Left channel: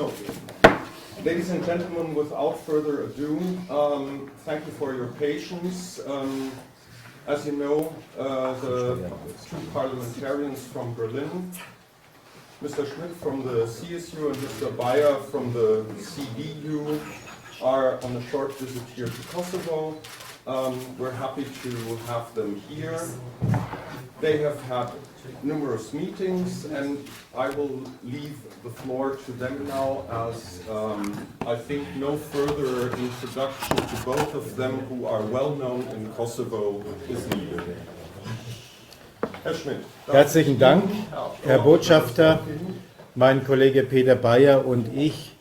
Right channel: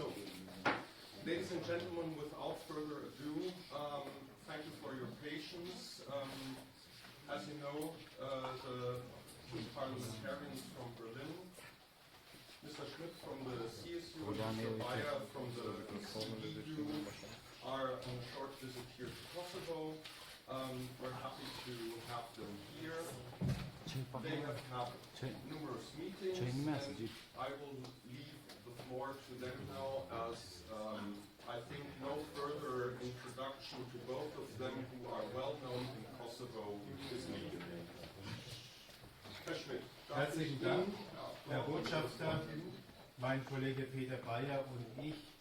So, ladies and gentlemen, without further ado, thank you for your patience. As you know, the two parliamentarians from Berlin, Mr. Schmidt from the CSU and Mr. Beyer from the CDU, are on a short visit here to Kosovo. We're happy to have them here. They have had numerous meetings, and I will leave the floor to them now, as I think no further introduction to both of them, who are well known in Kosovo, is needed. Herr Schmidt. Herzlichen Dank, Herr Botschafter. Mein Kollege Peter Beyer und ich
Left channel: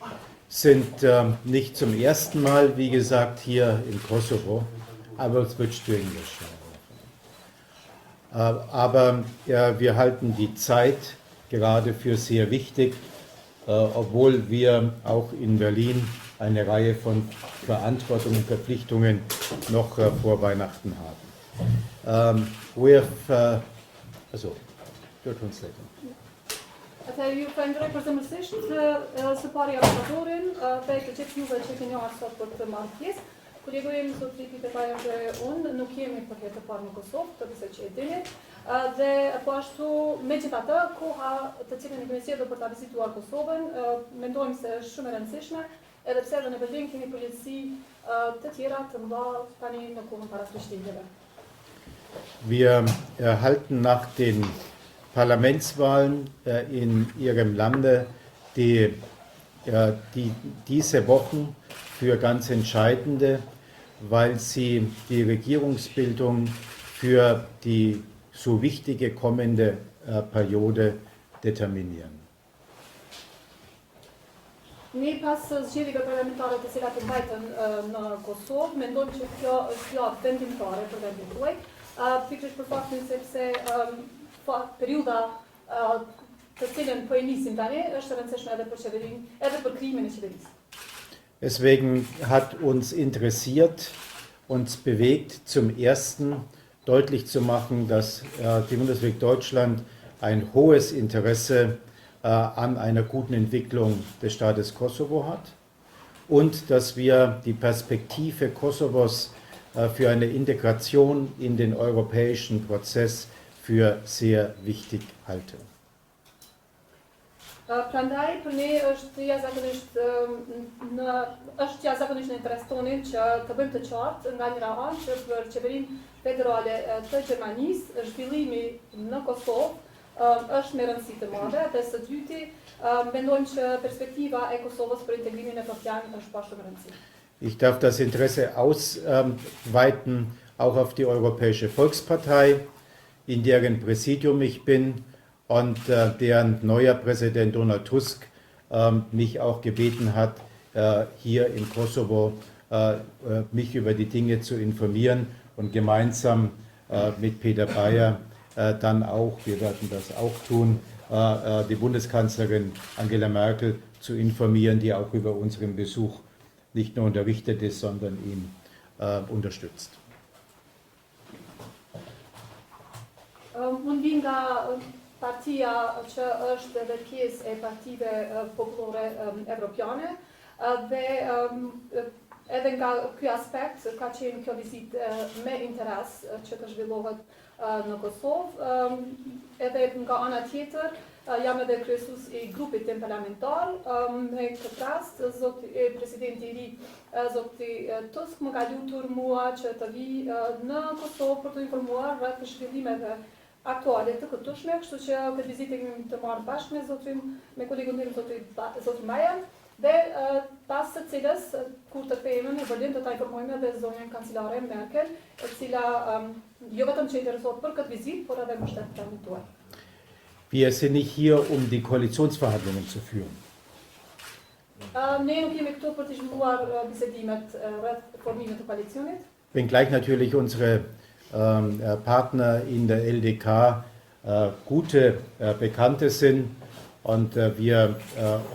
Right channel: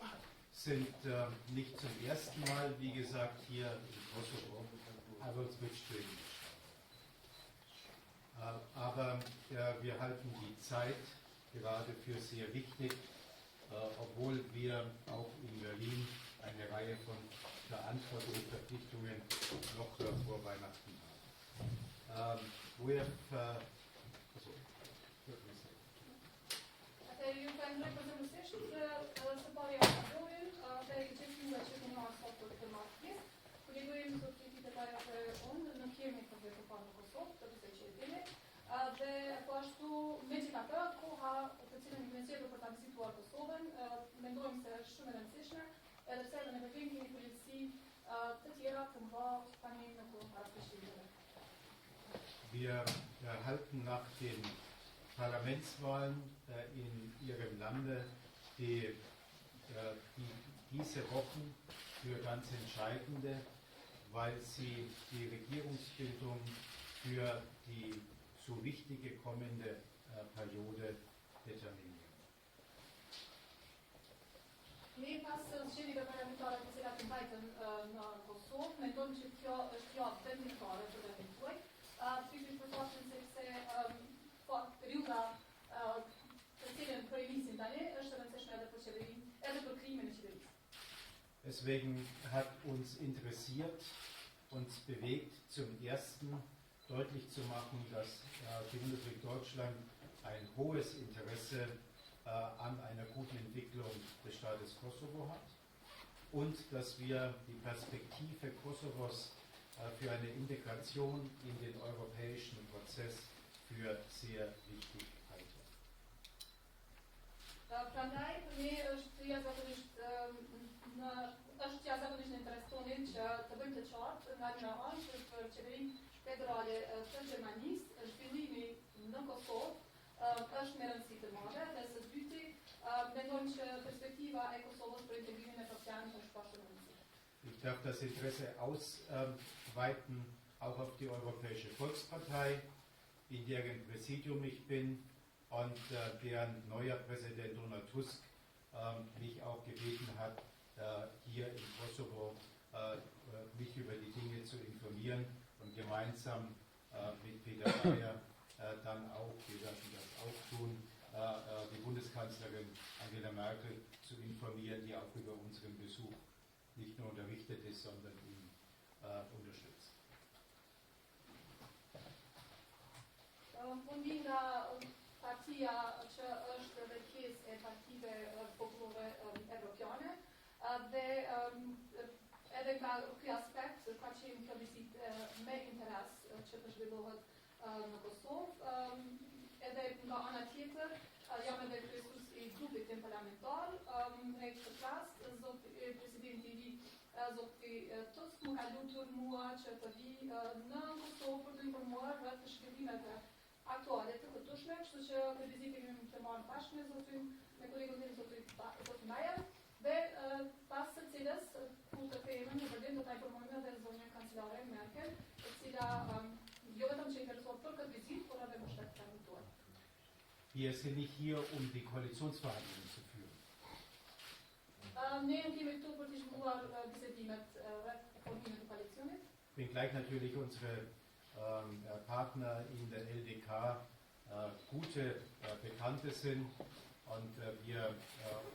sind nicht zum ersten Mal, wie gesagt, hier in Kosovo. I will switch to English. Aber wir halten die Zeit gerade für sehr wichtig, obwohl wir auch in Berlin eine Reihe von Verantwortungen und Verpflichtungen noch vor Weihnachten haben. Your translator. Ju falenderoj për zemërsisht së pari ambasadorin, për të gjithë juve që keni ardhur sot për të marrë pjesë. Kolegoj im zotri Peter Beyer dhe unë nuk jemi për herë të parë në Kosovë, përse që e dini, dhe po ashtu megjithatë koha të cilën kemi sjellur për ta vizituar Kosovën, mendojmë se është shumë e rëndësishme, edhe pse edhe në Berlin kemi përgjegjësi të tjera të mëdha tani në kohën para Prishtinës. Wir erhalten nach den Parlamentswahlen in Ihrem Lande, die diese Wochen für ganz entscheidende, weil sie die Regierungsbildung für die so wichtige kommende Periode determinieren. Ne pas zgjedhjeve parlamentare të cilat të mbajtën në Kosovë, mendojmë që kjo është javë vendimtare për vendin tuaj, pikërisht për faktin sepse periudha të cilën po e nisim tani është e rëndësishme edhe për qeverinë, edhe për krijimin e qeverisë. Deswegen hat uns interessiert, uns bewegt, zum Ersten deutlich zu machen, dass die Bundesrepublik Deutschland ein hohes Interesse an einer guten Entwicklung des Staates Kosovo hat und dass wir die Perspektive Kosovos für eine Integration in den europäischen Prozess für sehr wichtig halten. Prandaj për ne është jashtëzakonisht në interes tonin që të bëjmë të qartë nga njëra anë që për qeverinë federale të Gjermanisë zhvillimi në Kosovë është me rëndësi të madhe, dhe së dyti mendojmë që perspektiva e Kosovës për integrimin evropian është pa shumë rëndësi. Ich darf das Interesse ausweiten auch auf die Europäische Volkspartei, in deren Präsidium ich bin und deren neuer Präsident Donald Tusk mich auch gebeten hat, hier im Kosovo mich über die Dinge zu informieren und gemeinsam mit Peter Beyer dann auch, wir werden das auch tun, die Bundeskanzlerin Angela Merkel zu informieren, die auch über unseren Besuch nicht nur unterrichtet ist, sondern ihn unterstützt. Unë vi nga partia që është edhe pjesë e partive popullore evropiane dhe edhe nga ky aspekt ka qenë kjo vizitë me interes që të zhvillohet në Kosovë. Edhe nga ana tjetër jam edhe kryesues i grupit tim parlamentar. Me këtë rast presidenti i ri zoti Tusk më ka lutur mua që të vi në Kosovë për të informuar rreth zhvillimeve aktuale të këtueshme, kështu që këtë vizitë kemi të marrë bashkë me kolegun tim zoti Beyer, dhe pas së cilës kur të kthehemi në Berlin do ta informojmë edhe zonjën kancelare Merkel, e cila jo vetëm që interesohet për këtë vizitë, por edhe më shtet planin tuaj. Wir sind nicht hier, um die Koalitionsverhandlungen zu führen. Ne nuk jemi këtu për të zhvilluar bisedimet rreth formimit të koalicionit. Wenngleich natürlich unsere Partner in der LDK gute Bekannte sind und wir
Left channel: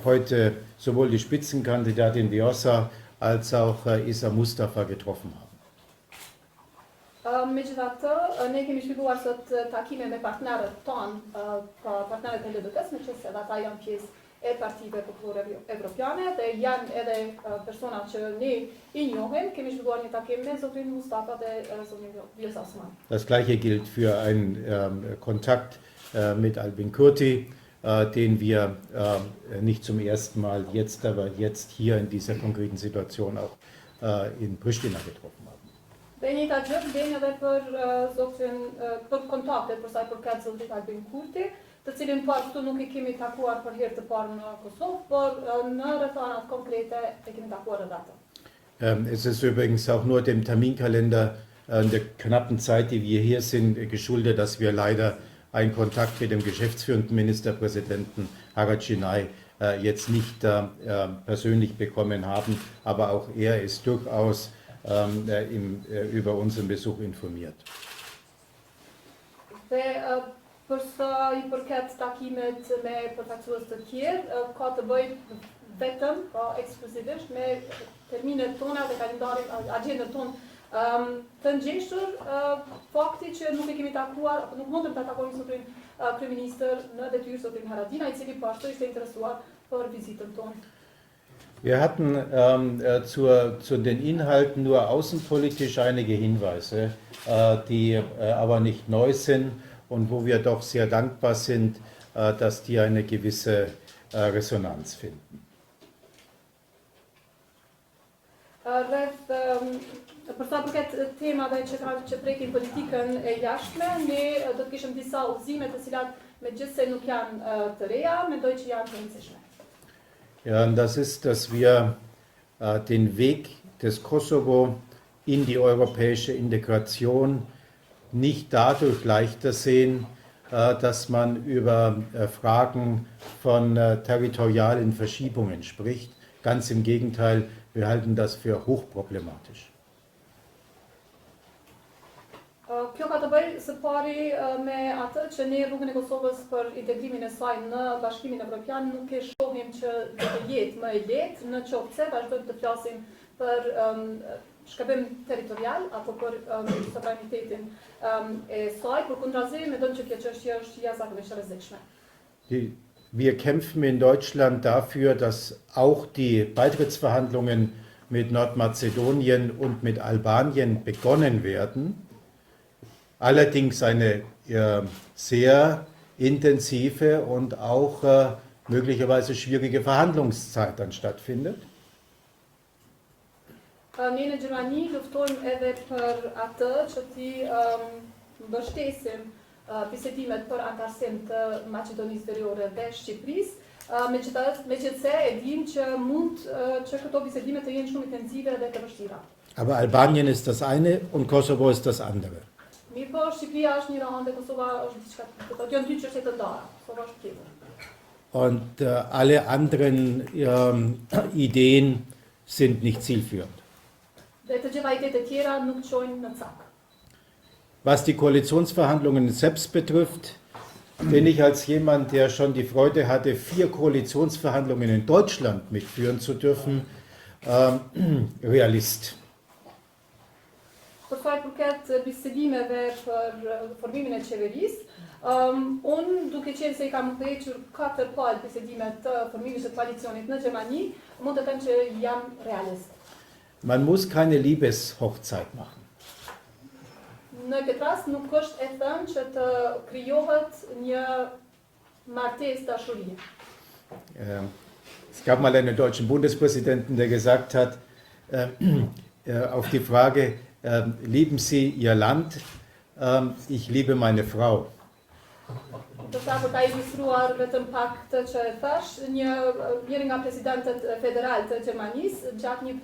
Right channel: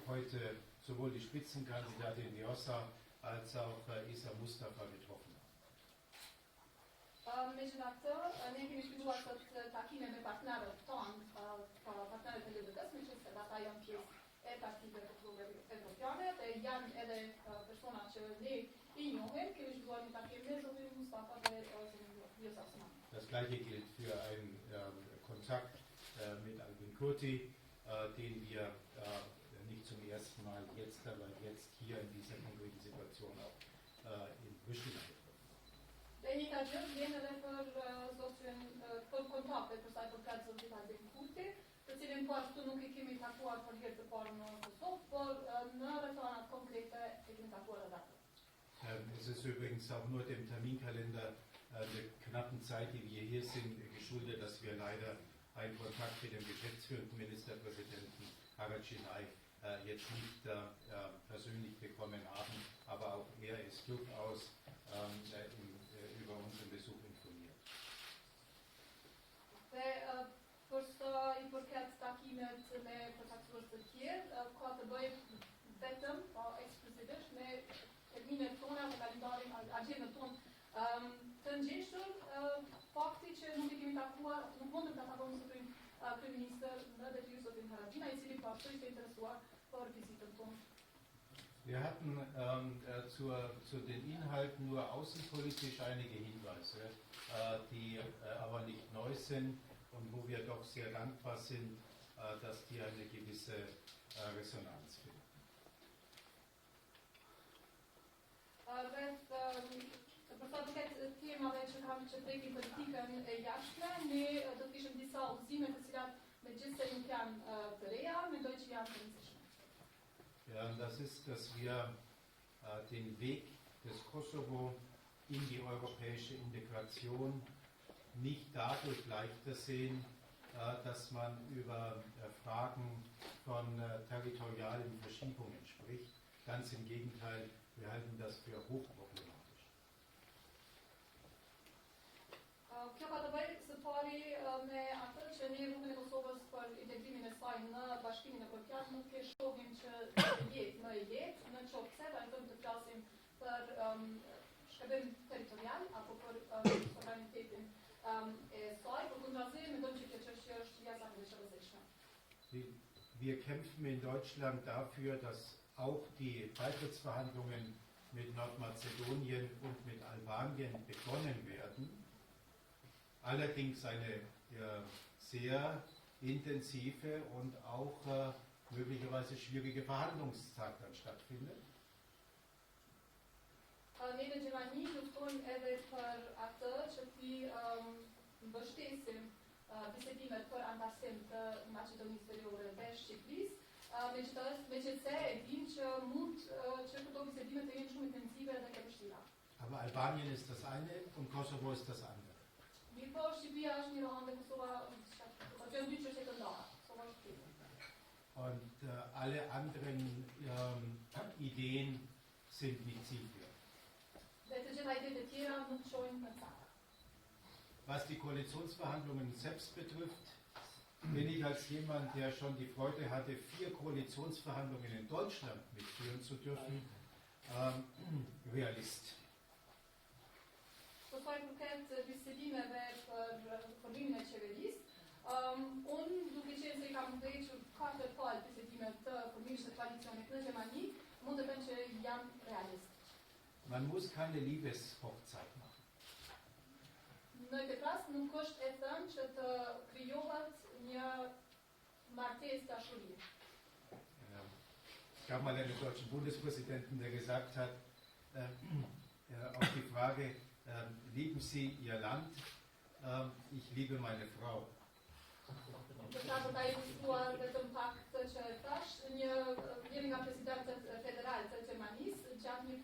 heute sowohl die Spitzenkandidatin Vjosa als auch Isa Mustafa getroffen haben. Megjithatë, ne kemi zhvilluar sot takime me partnerët tonë, partnerët e LDK-s, me qenë se ata janë pjesë e partive popullore evropiane dhe janë edhe persona që ne I njohim. Kemi zhvilluar një takim me zotin Mustafa dhe zotin Vjosa Osman. Das Gleiche gilt für einen Kontakt mit Albin Kurti, den wir nicht zum ersten Mal jetzt, aber jetzt hier in dieser konkreten Situation auch in Pristina getroffen haben. Dhe njëta gjë vlen edhe për kontaktet për sa I përket zotit Albin Kurti, të cilin këtu nuk I kemi takuar për herë të parë në Kosovë, por në rrethanat konkrete e kemi takuar edhe atë. Es ist übrigens auch nur dem Terminkalender der knappen Zeit, die wir hier sind, geschuldet, dass wir leider einen Kontakt mit dem geschäftsführenden Ministerpräsidenten Haradžinaj jetzt nicht persönlich bekommen haben, aber auch er ist durchaus über unseren Besuch informiert. Për sa I përket takimet me përfaqësues të tjerë, ka të bëjë vetëm, ekskluzivisht me terminet tona dhe kalendarin, agjendën tonë të ngjeshur, fakti që nuk e kemi takuar, apo nuk mundëm ta takojmë zotin kryeministër në detyrë zotin Haradinaj, I cili po ashtu ishte interesuar për vizitën tonë. Wir hatten zu den Inhalten nur außenpolitisch einige Hinweise, die aber nicht neu sind und wo wir doch sehr dankbar sind, dass die eine gewisse Resonanz finden. Për sa përket temave që prekin politikën e jashtme, ne do të kishim disa udhëzime të cilat megjithse nuk janë të reja, mendoj që janë të rëndësishme. Ja, und das ist, dass wir den Weg des Kosovo in die europäische Integration nicht dadurch leichter sehen, dass man über Fragen von territorialen Verschiebungen spricht. Ganz im Gegenteil, wir halten das für hochproblematisch. Kjo ka të bëjë së pari me atë që ne rrugën e Kosovës për integrimin e saj në Bashkimin Evropian nuk e shohim që do të jetë më e lehtë, në qoftë se vazhdojmë të flasim për shkëmbim territorial apo për sovranitetin e saj, përkundrazi mendojmë që kjo çështje është jashtëzakonisht e rrezikshme. Wir kämpfen in Deutschland dafür, dass auch die Beitrittsverhandlungen mit Nordmazedonien und mit Albanien begonnen werden. Allerdings eine sehr intensive und auch möglicherweise schwierige Verhandlungszeit dann stattfindet. Ne në Gjermani luftojmë edhe për atë që ti mbështesim bisedimet për antarësim të Maqedonisë Veriore dhe Shqipërisë, megjithëse e dim që mund që këto bisedime të jenë shumë intensive dhe të vështira. Aber Albanien ist das eine und Kosovo ist das andere. Mirë po, Shqipëria është një ranë dhe Kosova është diçka tjetër. Do të janë dy çështje të ndara. Kosova është tjetër. Und alle anderen Ideen sind nicht zielführend. Dhe të gjitha idetë e tjera nuk çojnë në cak. Was die Koalitionsverhandlungen selbst betrifft, bin ich als jemand, der schon die Freude hatte, 4 Koalitionsverhandlungen in Deutschland mitführen zu dürfen, Realist. Për sa I përket bisedimeve për formimin e qeverisë, unë duke qenë se I kam udhëhequr 4 palë bisedime të formimit të koalicionit në Gjermani, mund të them që jam realist. Man muss keine Liebeshochzeit machen. Në këtë rast nuk është e thënë që të krijohet një martesë dashurie. Es gab mal einen deutschen Bundespräsidenten, der gesagt hat, auf die Frage, lieben Sie Ihr Land? Ich liebe meine Frau. Për ta ilustruar vetëm pak të që e thash, njëri nga presidentët federal të Gjermanisë gjatë një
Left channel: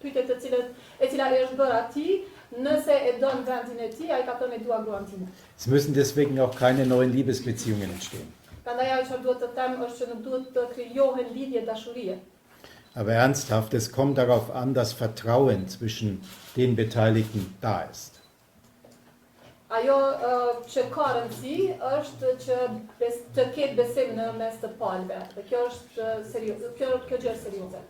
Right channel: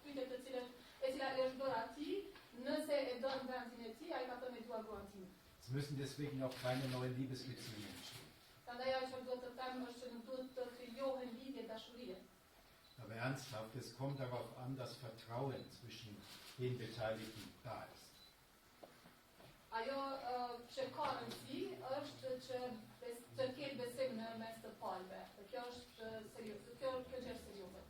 pyetje e cila I është bërë atij, nëse e don vendin e tij, ai ka thënë e dua gruan time. Es müssen deswegen auch keine neuen Liebesbeziehungen entstehen. Prandaj ajo që duhet të them është që nuk duhet të krijohen lidhje dashurie. Aber ernsthaft, es kommt darauf an, dass Vertrauen zwischen den Beteiligten da ist. Ajo që ka rëndësi është që të ketë besim në mes të palëve. Dhe kjo është serioze, kjo gjë është serioze.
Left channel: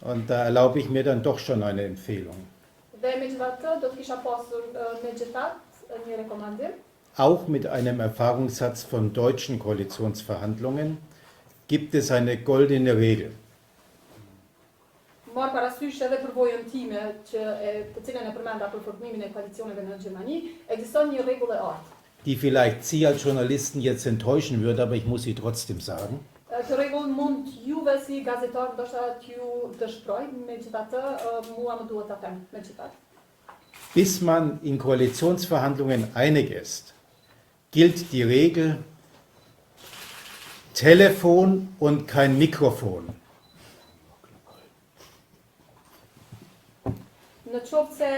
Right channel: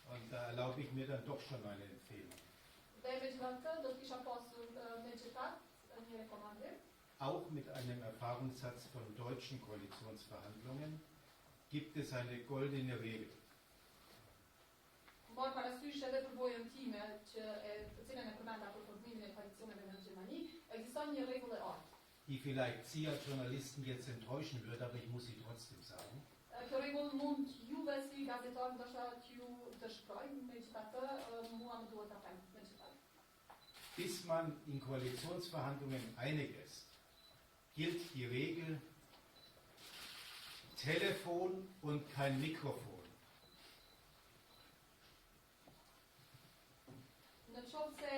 Und da erlaube ich mir dann doch schon eine Empfehlung. Dhe megjithatë do të kisha pasur megjithatë një rekomandim. auch mit einem Erfahrungssatz von deutschen Koalitionsverhandlungen, gibt es eine goldene Regel. Marr parasysh edhe përvojën time të cilën e përmenda për formimin e koalicioneve në Gjermani, ekziston një rregull e artë. Die vielleicht Sie als Journalisten jetzt enttäuschen würde, aber ich muss sie trotzdem sagen. Kjo rregull mund juve si gazetar ndoshta t'ju dëshproj, megjithatë mua më duhet ta them megjithatë. Bis man in Koalitionsverhandlungen einig ist, gilt die Regel Telefon und kein Mikrofon. Në qoftë se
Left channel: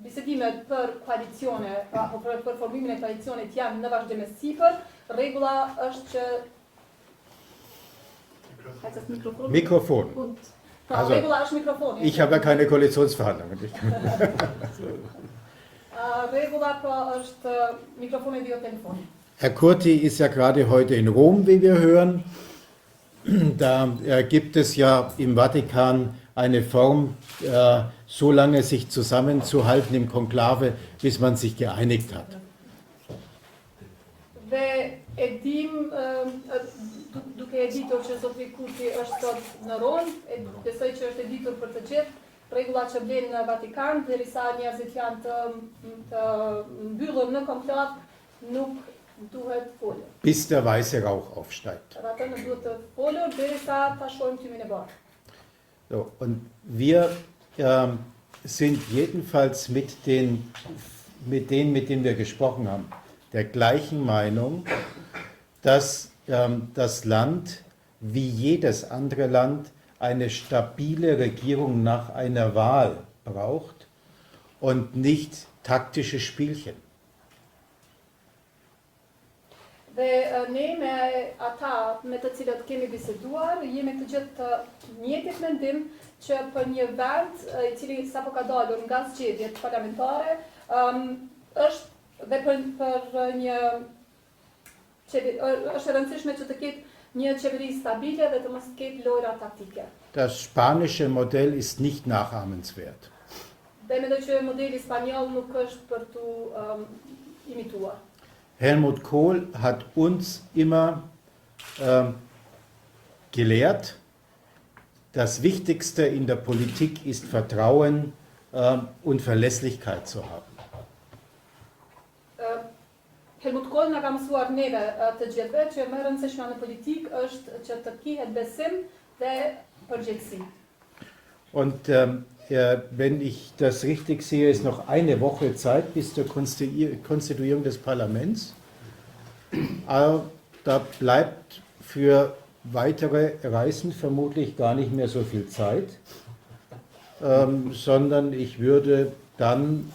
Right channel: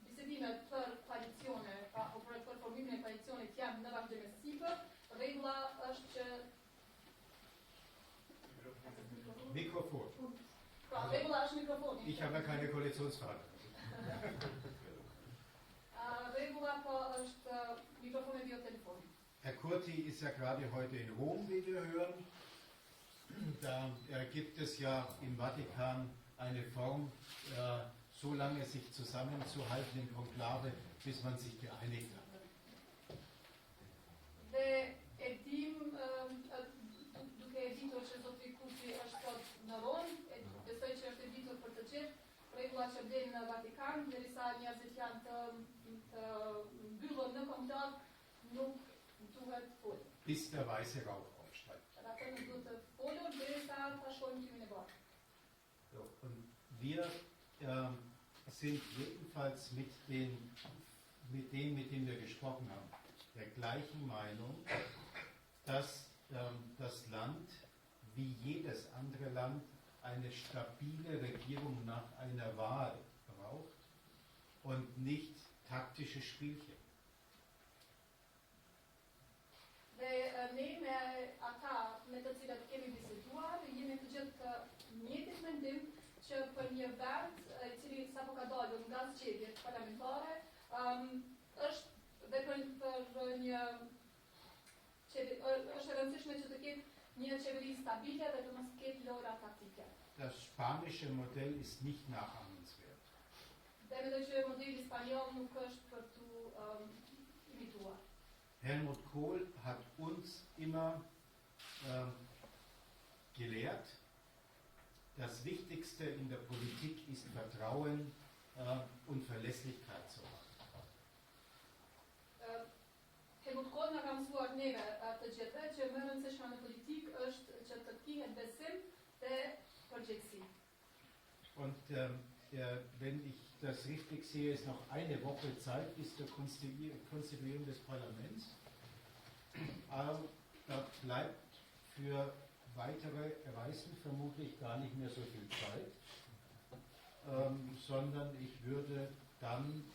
bisedimet për koalicione, apo për formimin e koalicionit janë në vazhdim me sipër, rregulla është që Mikrofon. Also, rregulla është mikrofoni. ich habe ja keine Koalitionsverhandlungen. Rregulla po është mikrofoni dhe jo telefoni. Herr Kurti ist ja gerade heute in Rom, wie wir hören. Da gibt es ja im Vatikan eine Form, so lange sich zusammenzuhalten im Konklave, bis man sich geeinigt hat. Dhe e dim, duke e ditur që Zotri Kurti është sot në Rom, besoj që është e ditur për të gjithë rregulla që vlen në Vatikan, derisa njerëzit janë të mbyllur në konklav, nuk duhet folur. Bis der weiße Rauch aufsteigt. Atë nuk duhet të folur derisa ta shohim tymin e bardhë. So, und wir sind jedenfalls mit denen, mit denen wir gesprochen haben, der gleichen Meinung, dass das Land, wie jedes andere Land, eine stabile Regierung nach einer Wahl braucht und nicht taktische Spielchen. Dhe ne me ata me të cilët kemi biseduar, jemi të gjithë të njëjtit mendim që për një vend I cili sapo ka dalur nga zgjedhjet parlamentare, është dhe për një është e rëndësishme që të ketë një qeveri stabile dhe të mos ketë lojra taktike. Das spanische Modell ist nicht nachahmenswert. Dhe mendoj që modeli spanjoll nuk është për tu imituar. Helmut Kohl hat uns immer gelehrt, das Wichtigste in der Politik ist Vertrauen und Verlässlichkeit zu haben. Helmut Kohl na ka mësuar neve të gjithëve që më e rëndësishme në politikë është që të kihet besim dhe përgjegjësi. Und wenn ich das richtig sehe, ist noch eine Woche Zeit bis zur Konstituierung des Parlaments. Aber da bleibt für weitere Reisen vermutlich gar nicht mehr so viel Zeit, sondern ich würde dann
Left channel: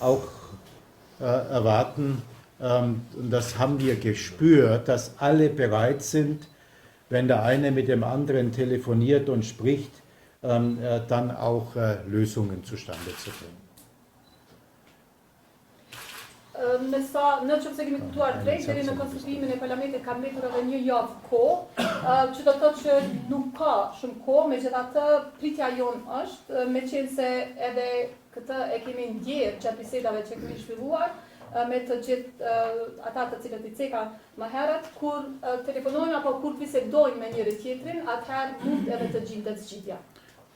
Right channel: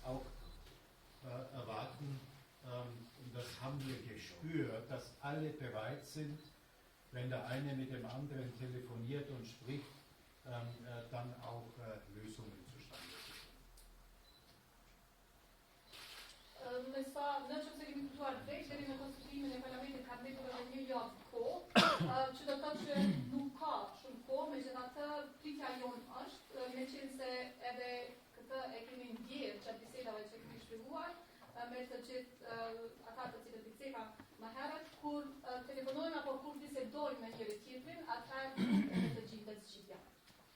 auch erwarten, und das haben wir gespürt, dass alle bereit sind, wenn der eine mit dem anderen telefoniert und spricht, dann auch Lösungen zustande zu bringen. Në qoftë se kemi kuptuar drejt, deri në konstituimin e parlamentit ka mbetur edhe një javë kohë, që do të thotë që nuk ka shumë kohë, megjithatë pritja jonë është, meqense edhe këtë e kemi ndjerë gjatë bisedave që kemi zhvilluar me të gjithë ata të cilët I ceka më herët, kur telefonojnë apo kur bisedojnë me njëri tjetrin, atëherë mund edhe të gjendet zgjidhja.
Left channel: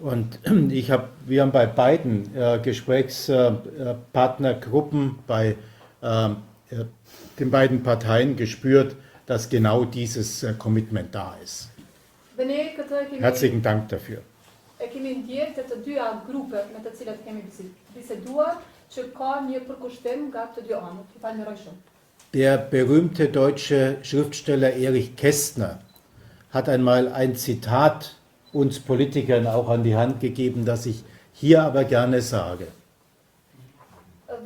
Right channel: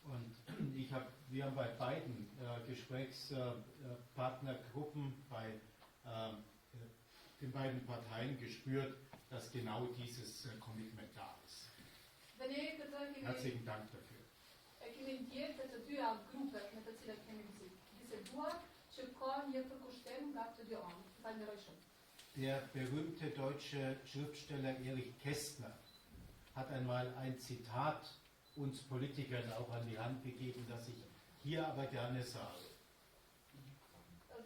Und wir haben bei beiden Gesprächspartnergruppen, bei den beiden Parteien gespürt, dass genau dieses Commitment da ist. Herzlichen Dank dafür. Der berühmte deutsche Schriftsteller Erich Kästner hat einmal ein Zitat uns Politikern auch an die Hand gegeben, das ich hier aber gerne sage.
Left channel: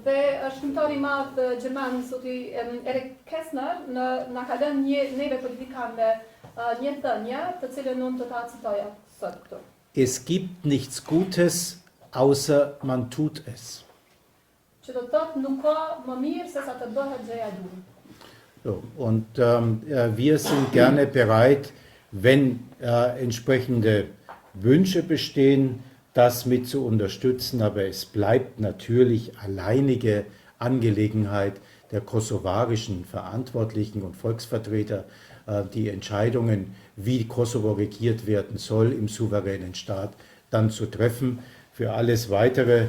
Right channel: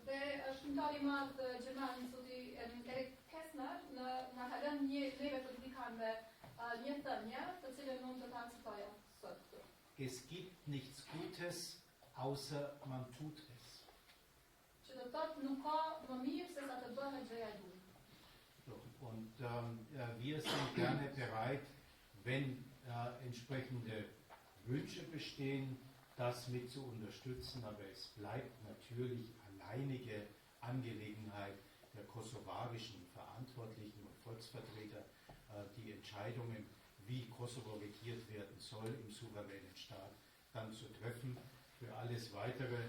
Dhe shkrimtari I madh gjerman zoti Erich Kästner na ka lënë neve politikanëve një thënie, të cilën unë do ta citoja sot këtu. Es gibt nichts Gutes, außer man tut es. Që do të thotë nuk ka më mirë se sa të bëhet gjëja e duhur. So, und wir sind gerne bereit, wenn entsprechende Wünsche bestehen, das mit zu unterstützen, aber es bleibt natürlich alleinige Angelegenheit der kosovarischen Verantwortlichen und Volksvertreter, die Entscheidungen, wie Kosovo regiert werden soll, im souveränen Staat dann zu treffen. Für alles Weitere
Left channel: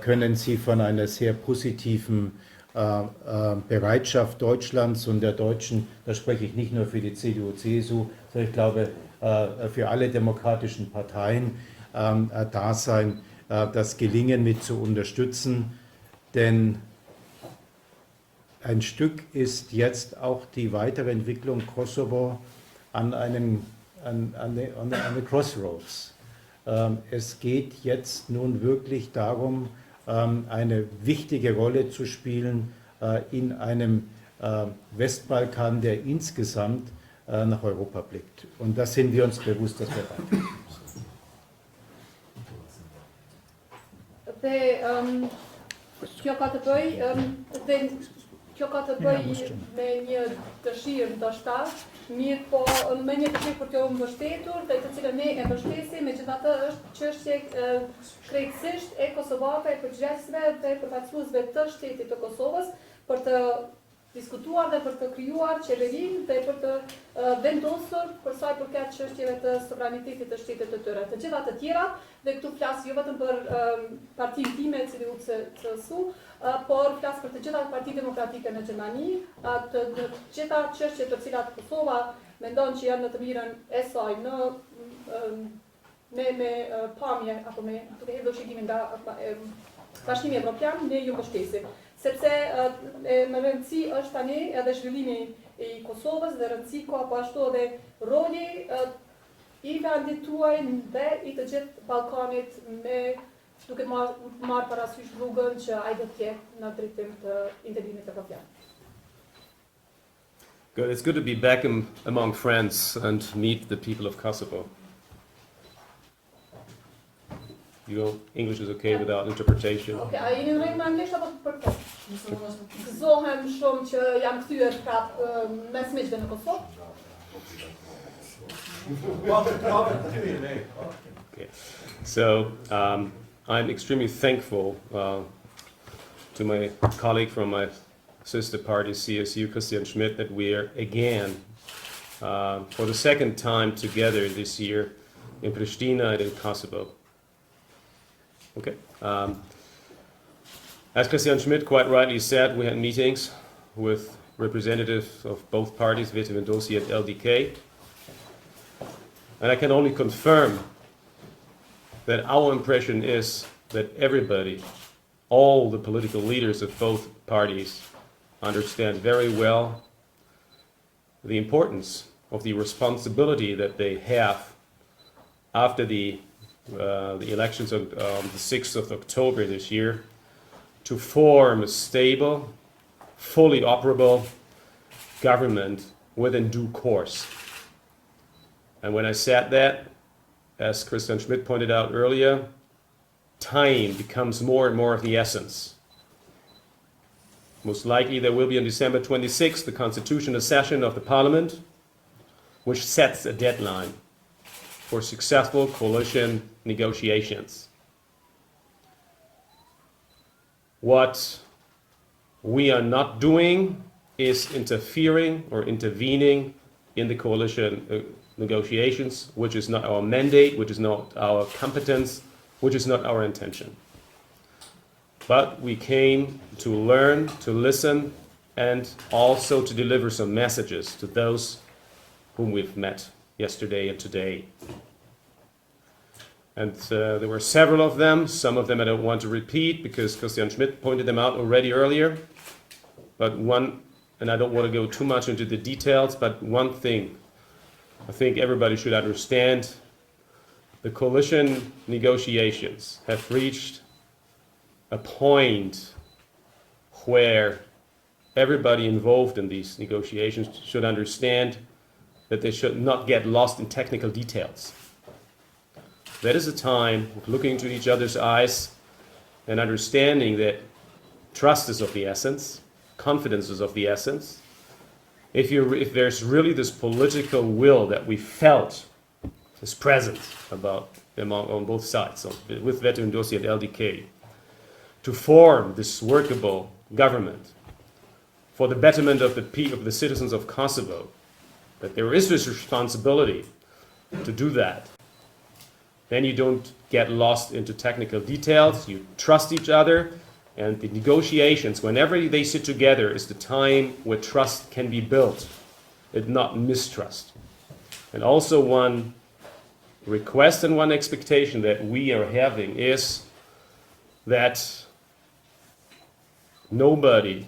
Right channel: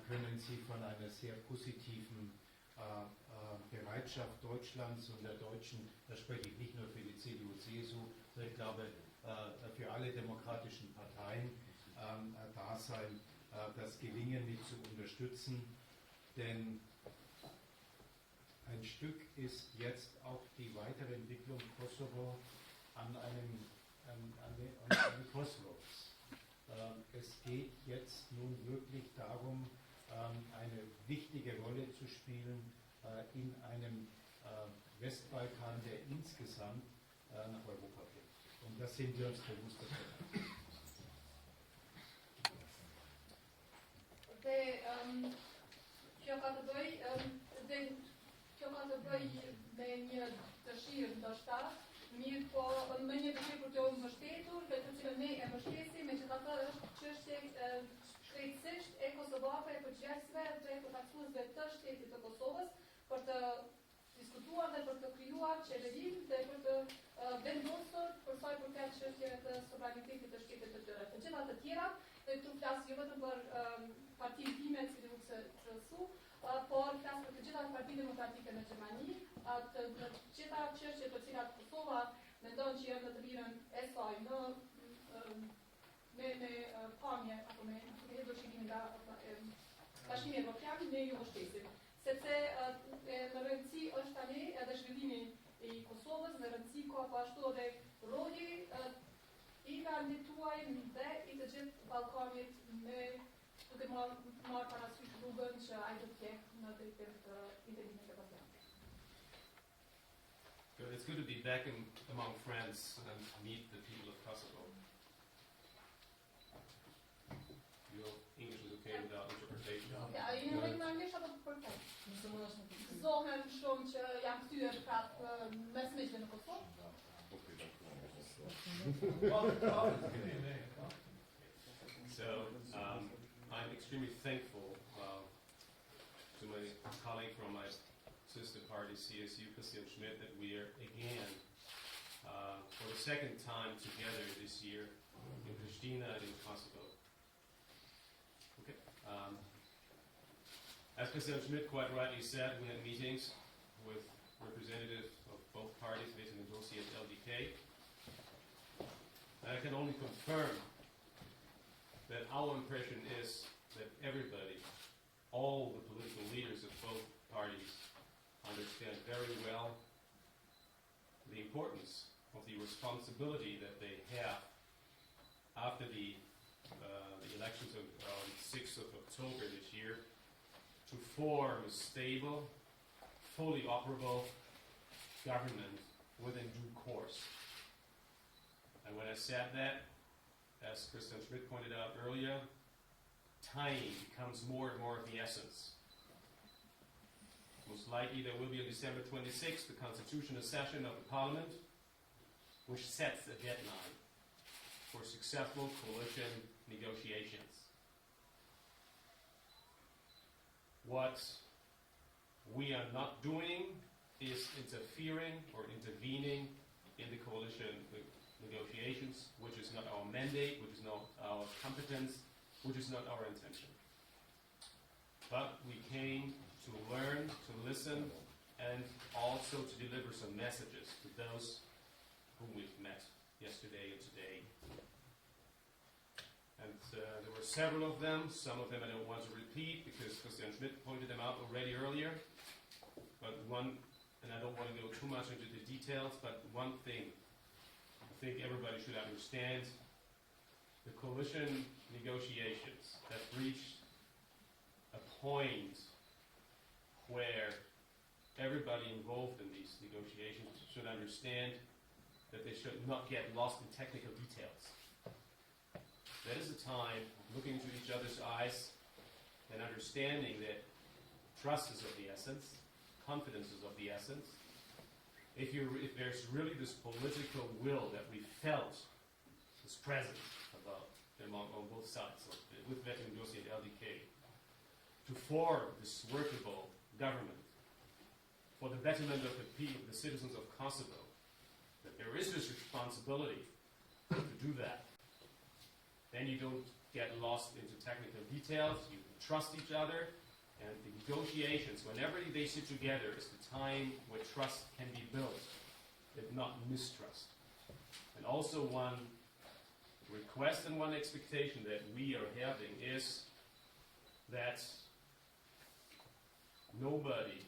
können Sie von einer sehr positiven Bereitschaft Deutschlands und der Deutschen, da spreche ich nicht nur für die CDU, CSU, sondern ich glaube für alle demokratischen Parteien da sein, das Gelingen mit zu unterstützen, denn ein Stück ist jetzt auch die weitere Entwicklung Kosovo an eine Crossroads. Es geht jetzt nun wirklich darum, eine wichtige Rolle zu spielen in einem Westbalkan, der insgesamt nach Europa blickt. Und da sind wir uns bewusst, dass wir weiter. Kjo ka të bëj me një dëshirë ndoshta, mirë po me një dëshirë për t'ju mbështetur, dhe të cilën ne e mbështesim, megjithatë është çështje krejtësisht e kosovake, e përgjegjësve dhe përfaqësuesve të shtetit të Kosovës për të diskutuar dhe për të krijuar qeverinë dhe për të vendosur për sa i përket çështjeve të sovranitetit të shtetit të tyre. Të gjitha të tjera, dhe këtu flas jo vetëm për partinë time, CDU-CSU, por flas për të gjitha partitë demokratike në Gjermani, të gjitha çështjet të cilat Kosova mendon që janë në të mirën e saj me pamje apo me hedhëshigimin nga Bashkimi Evropian, ne ju mbështesim. Sepse më rëndësi është tani edhe zhvillimi i Kosovës dhe rëndësi ka po ashtu edhe roli i vendit tuaj dhe i të gjithë Ballkanit me duke marrë parasysh rrugën që ai do të jetë në drejtim të integrimit evropian. Good. It's good to be back among friends and meet the people of Kosovo. English is okay without interpretation. Okay, a jeni në rregull me anglisht apo për Gëzohem shumë që jam kthyer prapë mes miqve në Kosovë. Okay. So I'm extremely thankful to my colleague from my sister party, CSU, Christian Schmidt, that we are again, for the second time together this year in Pristina and in Kosovo. Okay. As Christian Schmidt quite rightly said, we had meetings with representatives of both parties, Vete Mendoza and LDK. And I can only confirm that our impression is that everybody, all the political leaders of both parties, understand very well the importance of the responsibility that they have after the elections on the 6th of October this year to form a stable, fully operable government within due course. And when I said that, as Christian Schmidt pointed out earlier, time becomes more and more of the essence. Most likely there will be on December 26th the constitutional session of the parliament, which sets a deadline for successful coalition negotiations. What we are not doing is interfering or intervening in the coalition negotiations, which is not our mandate, which is not our competence, which is not our intention. But we came to learn, to listen, and also to deliver some messages to those whom we've met yesterday and today. And there were several of them. Some of them I don't want to repeat because Christian Schmidt pointed them out already earlier. But one, and I don't want to go too much into the details, but one thing I think everybody should understand: the coalition negotiations have reached a point where everybody involved in these negotiations should understand that they should not get lost in technical details. That is a time of looking into each other's eyes and understanding that trust is of the essence, confidence is of the essence. If there's really this political will that we felt is present on both sides, with Vete Mendoza and LDK, to form this workable government, for the betterment of the citizens of Kosovo, that there is this responsibility to do that, then you don't get lost into technical details, you trust each other, and the negotiations, whenever they sit together, is the time where trust can be built, and not mistrust. And also one request and one expectation that we are having is that nobody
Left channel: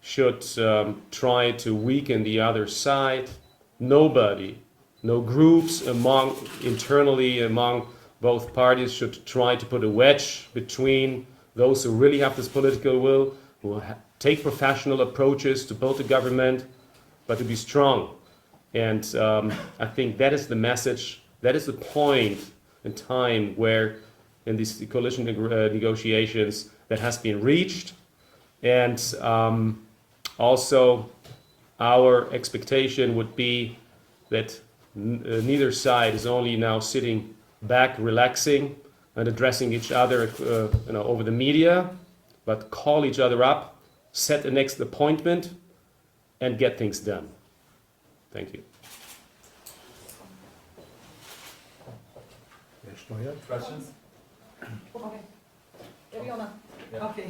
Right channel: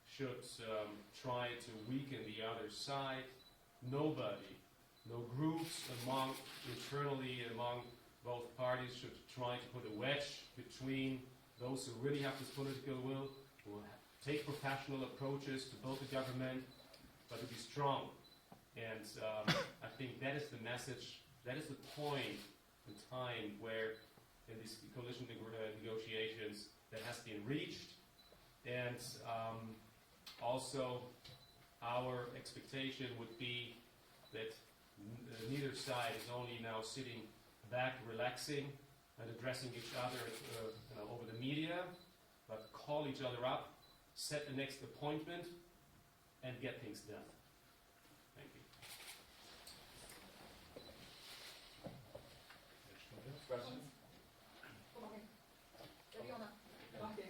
should try to weaken the other side. Nobody, no groups internally among both parties should try to put a wedge between those who really have this political will, who take professional approaches to build a government, but to be strong. And I think that is the message, that is the point in time where in these coalition negotiations that has been reached. And also our expectation would be that neither side is only now sitting back, relaxing and addressing each other over the media, but call each other up, set the next appointment, and get things done. Thank you. Questions? Okay. Eliona. Okay.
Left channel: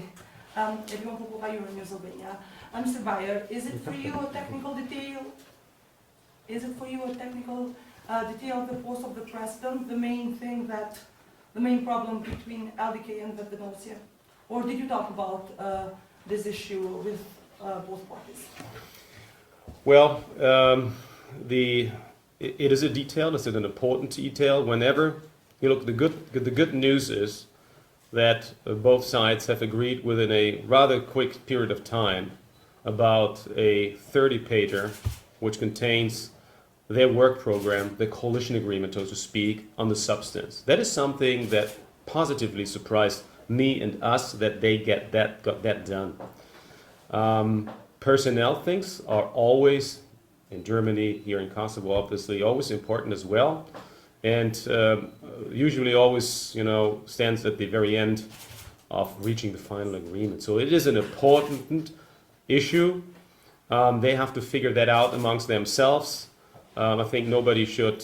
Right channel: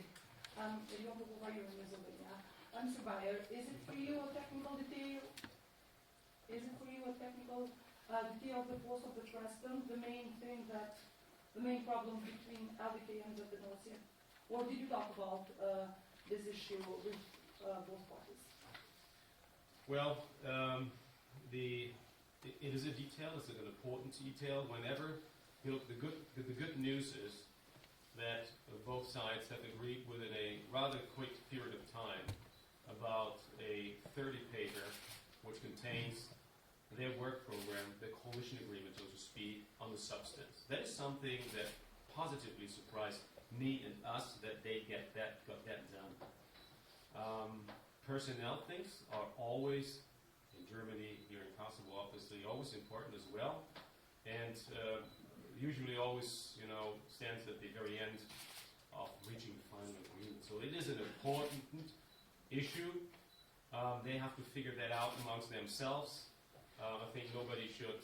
Everyone who will in Slovenia. Mr. Beyer, is it for you a technical detail? Is it for you a technical detail of the post of the president, the main thing that, the main problem between LDK and Vetenosia? Or did you talk about this issue with both parties? Well, it is a detail, it's an important detail. Whenever you look, the good news is that both sides have agreed within a rather quick period of time about a 30-pager which contains their work program, the coalition agreement, so to speak, on the substance. That is something that positively surprised me and us, that they got that done. Personnel things are always, in Germany, here in Kosovo, obviously, always important as well. And usually always, stands at the very end of reaching the final agreement. So it is an important issue. They have to figure that out amongst themselves. I think nobody should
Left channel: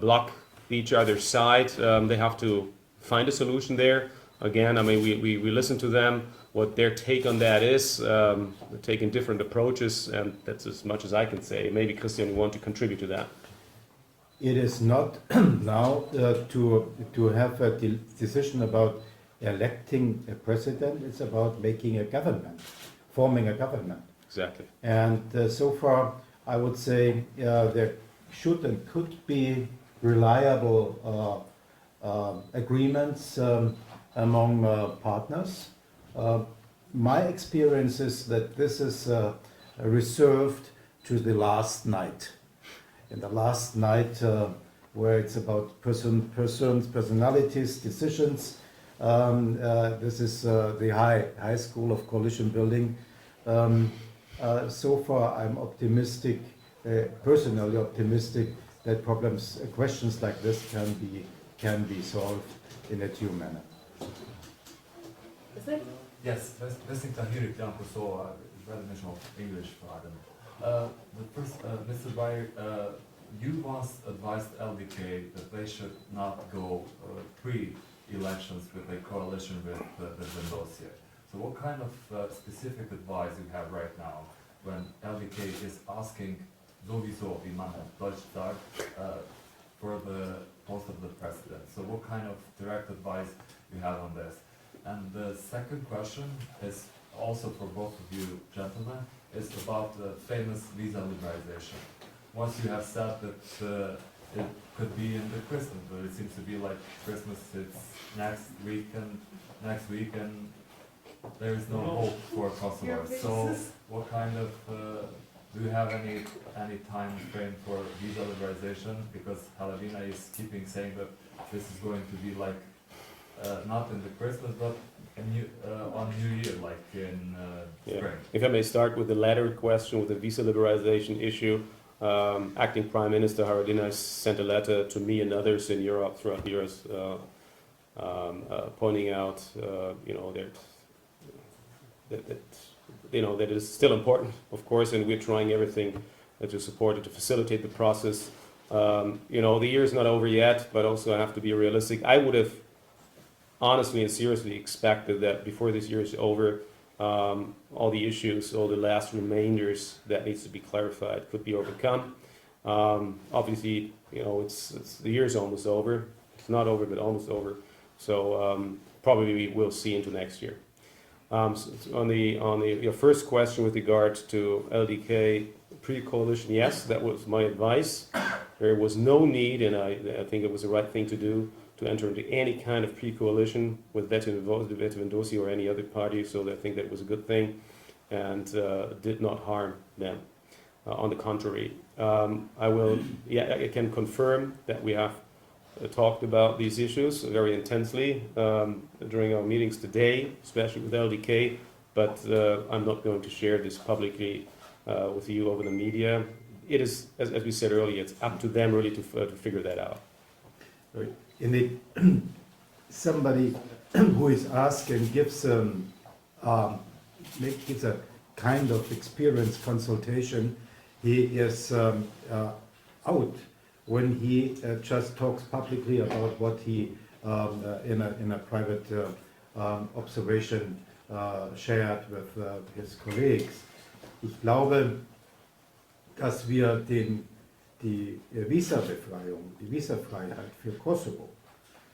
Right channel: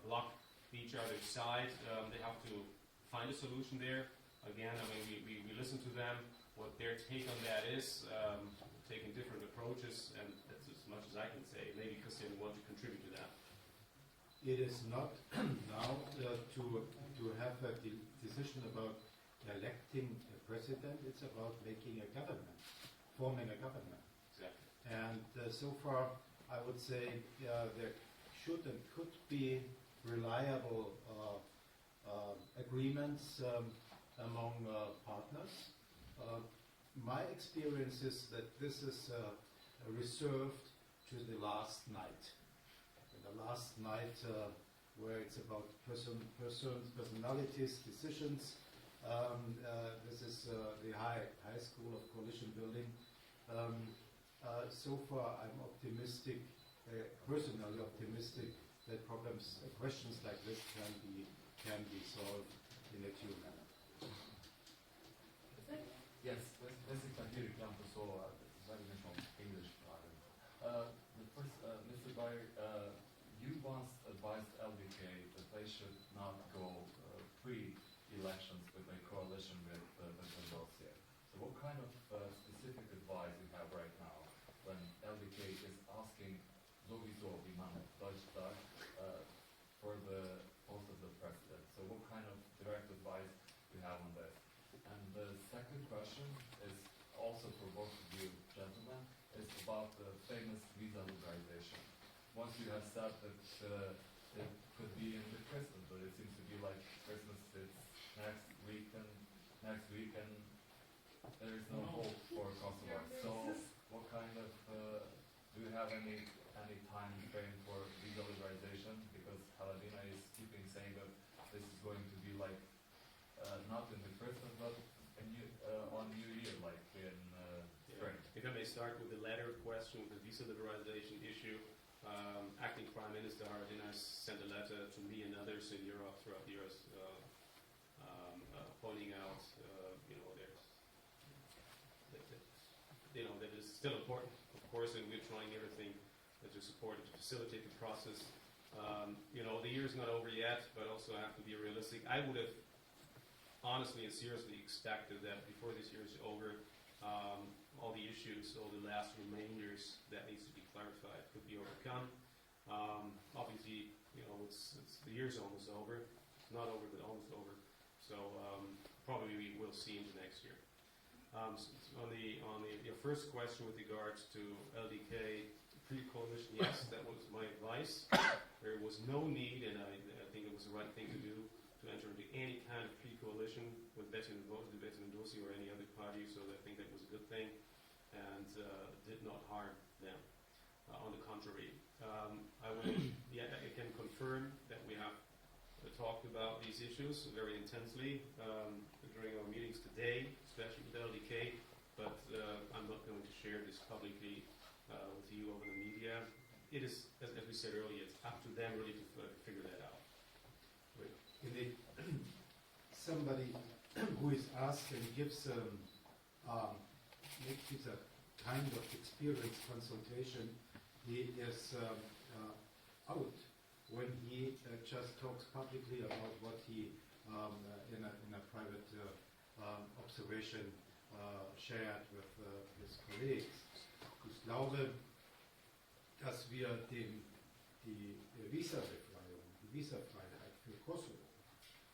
block each other's side. They have to find a solution there. Again, I mean, we listen to them, what their take on that is. They're taking different approaches, and that's as much as I can say. Maybe Christian, you want to contribute to that? It is not now to have a decision about electing a president. It's about making a government, forming a government. Exactly. And so far, I would say there should and could be reliable agreements among partners. My experience is that this is reserved to the last night. In the last night, where it's about personalities, decisions. This is the high school of coalition building. So far, I'm optimistic, personally optimistic, that questions like this can be solved in a due manner. Yes, listening to Tahir Janko, so rather mention English pardon. The first, Mr. Beyer, you once advised LDK that they should not go pre-elections with a coalition with Vetenosia. So what kind of specific advice you have right now when LDK is asking sowieso wie man auf Deutsch sagt for the post of the president? So what kind of direct advice you have on this? And the second question is also for both of you gentlemen, is about the famous visa liberalization. Once you have said that it could be in the Christmas, but it seems to be like Christmas, it's next week and there is no hope for Kosovo. So what kind of, do you have any time frame for visa liberalization? Because Halavina is keeping saying that this is going to be like, not in the Christmas, but on New Year, like in spring. If I may start with the latter question, with the visa liberalization issue, Acting Prime Minister Haradinaj sent a letter to me and others in Europe throughout the years, that is still important, of course, and we're trying everything to support it, to facilitate the process. The year is not over yet, but also I have to be realistic. I would have honestly and seriously expected that before this year is over, all the issues, all the last remainders that needs to be clarified could be overcome. Obviously, the year is almost over. It's not over, but almost over. So probably we will see into next year. So your first question with regard to LDK pre-coalition, yes, that was my advice. There was no need, and I think it was the right thing to do, to enter into any kind of pre-coalition with Veto Vendossi or any other party, so I think that was a good thing and did not harm them. On the contrary, I can confirm that we have talked about these issues very intensely during our meetings today, especially with LDK, but I'm not going to share this publicly with you over the media. It is, as we said earlier, it's up to them really to figure that out. Somebody who is asked and gives a kind of experience consultation, he is out when he just talks publicly about what he in a private observation shared with his colleagues. Ich glaube, dass wir die Visabefreiung, die Visafreiheit für Kosovo,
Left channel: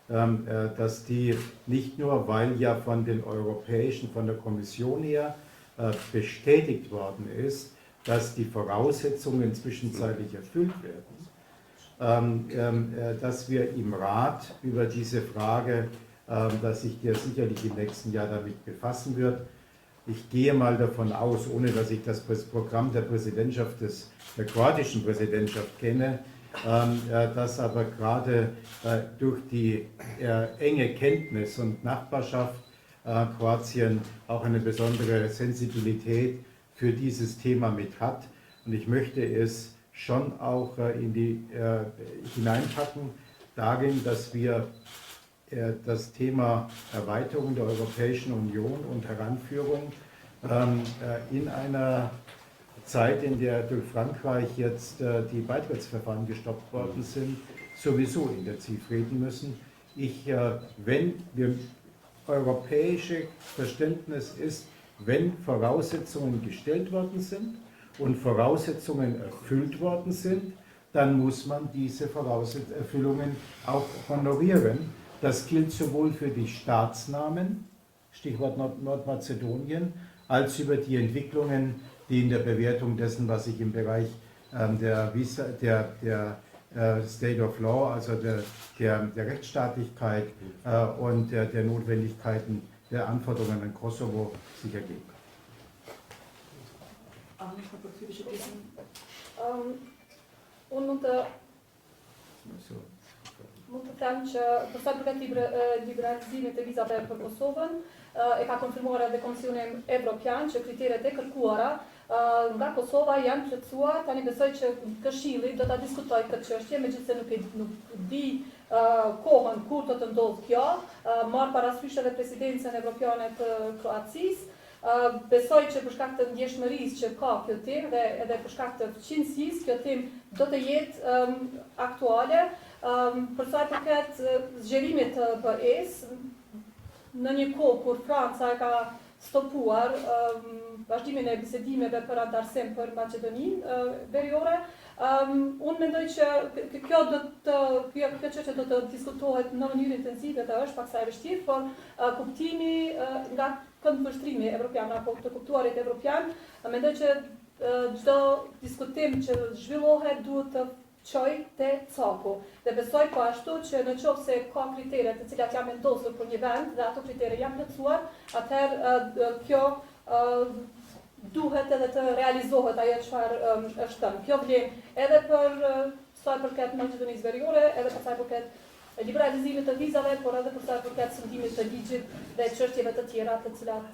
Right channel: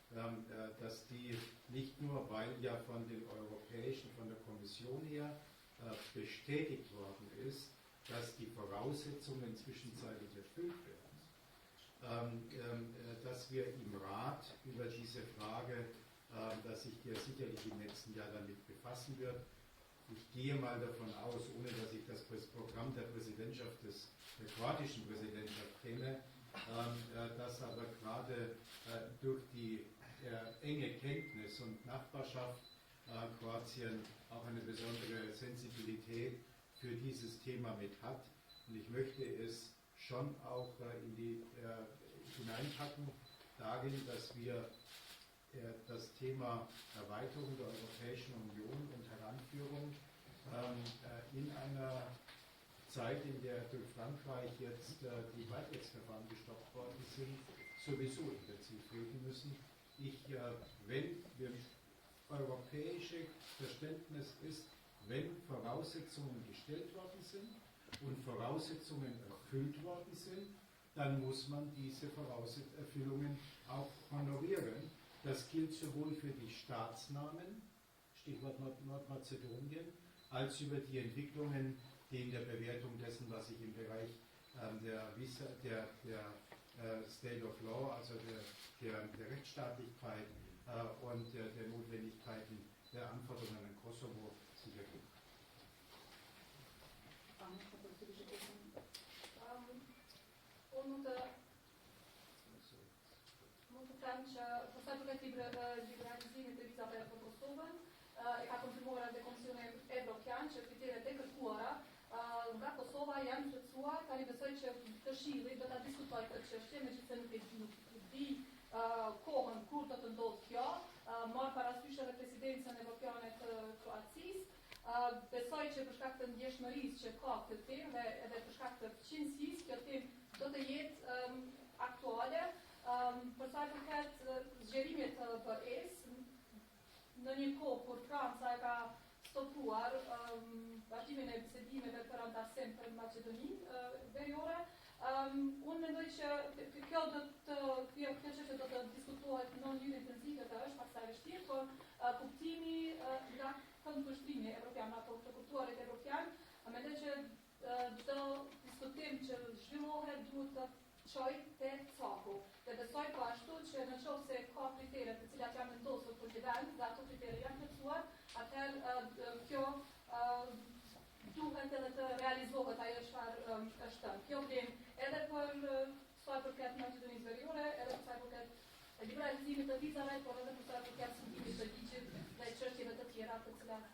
dass die nicht nur, weil ja von der Kommission her bestätigt worden ist, dass die Voraussetzungen zwischenzeitlich erfüllt werden, dass wir im Rat über diese Frage, dass sich der sicherlich im nächsten Jahr damit befassen wird. Ich gehe mal davon aus, ohne dass ich das Programm der der kroatischen Präsidentschaft kenne, dass aber gerade durch die enge Kenntnis und Nachbarschaft Kroatien auch eine besondere Sensibilität für dieses Thema mit hat. Und ich möchte es schon auch hineinpacken darin, dass wir das Thema Erweiterung der Europäischen Union und Heranführung in einer Zeit, in der durch Frankreich jetzt die Beitrittsverfahren gestoppt worden sind, sowieso intensiv reden müssen. Wenn wir europäische Verständnis ist, wenn Voraussetzungen gestellt worden sind und Voraussetzungen erfüllt worden sind, dann muss man diese Erfüllungen auch honorieren. Das gilt sowohl für die Staatsnamen, Stichwort Nordmazedonien, als über die Entwicklungen, die in der Bewertung dessen, was sich im Bereich der State of Law, also der Rechtsstaatlichkeit und der Notwendigkeiten der Anforderungen an Kosovo sich ergeben. Mund të them që për sa përket liberalizimit të vizave për Kosovën, e ka konfirmuar edhe Komisioni Evropian që kriteret e kërkuara nga Kosova janë plotësuar. Tani besoj që Këshilli do ta diskutojë këtë çështje, megjithëse nuk di kohën kur do të ndodhë kjo, marr parasysh edhe presidencën evropiane të Kroacisë. Besoj që për shkak të ndjeshmërisë që ka kjo temë dhe edhe për shkak të fqinësisë, kjo temë do të jetë aktuale. Për sa i përket zgjerimit të BE-s, në një kohë kur Franca e ka stopuar vazhdimin e bisedimeve për antarësim për Maqedoninë Veriore, unë mendoj që kjo çështje do të diskutohet në mënyrë intensive dhe është paksa e vështirë, por kuptimi nga këndvështrimi evropian apo të kuptuarit evropian, mendoj që çdo diskutim që zhvillohet duhet të çoj te caku. Dhe besoj po ashtu që në qoftë se ka kritere të cilat janë vendosur për një vend dhe ato kritere janë plotësuar, atëherë kjo duhet edhe të realizohet ajo çfarë është thënë. Kjo vlen edhe për sa i përket Maqedonisë Veriore, edhe për sa i përket liberalizimit të vizave, por edhe për sa i përket sundimit të ligjit dhe çështjeve të tjera të cilat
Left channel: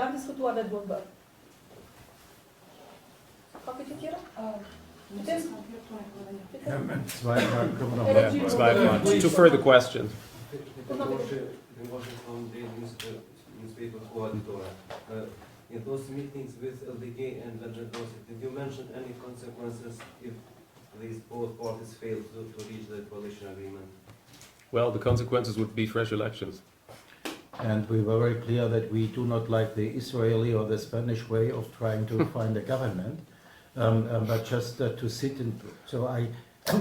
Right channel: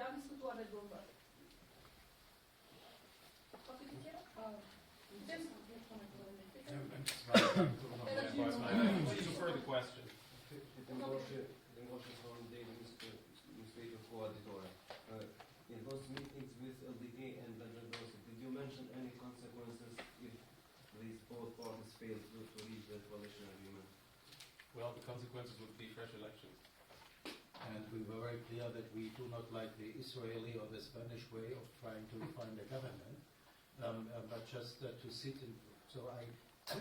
janë diskutuar dhe duhen bërë. Ka pyetje tjera? Two further questions. in those meetings with LDK and Vendor-Dorsey, did you mention any consequences if these both parties fail to reach the coalition agreement? Well, the consequences would be fresh elections. And we were very clear that we do not like the Israeli or the Spanish way of trying to find a government, but just to sit in. So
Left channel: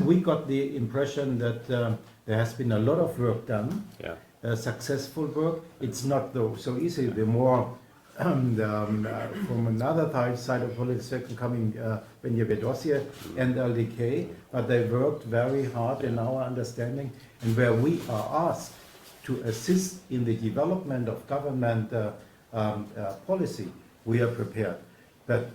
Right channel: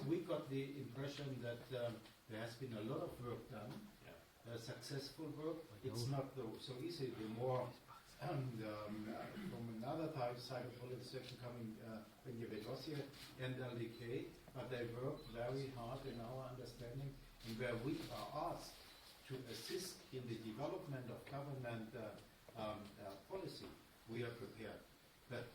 we got the impression that there has been a lot of work done, Yeah. Successful work. It's not though so easy. The more from another side of politics coming Vendor-Dorsey and LDK, but they worked very hard in our understanding, and where we are asked to assist in the development of government policy, we are prepared. But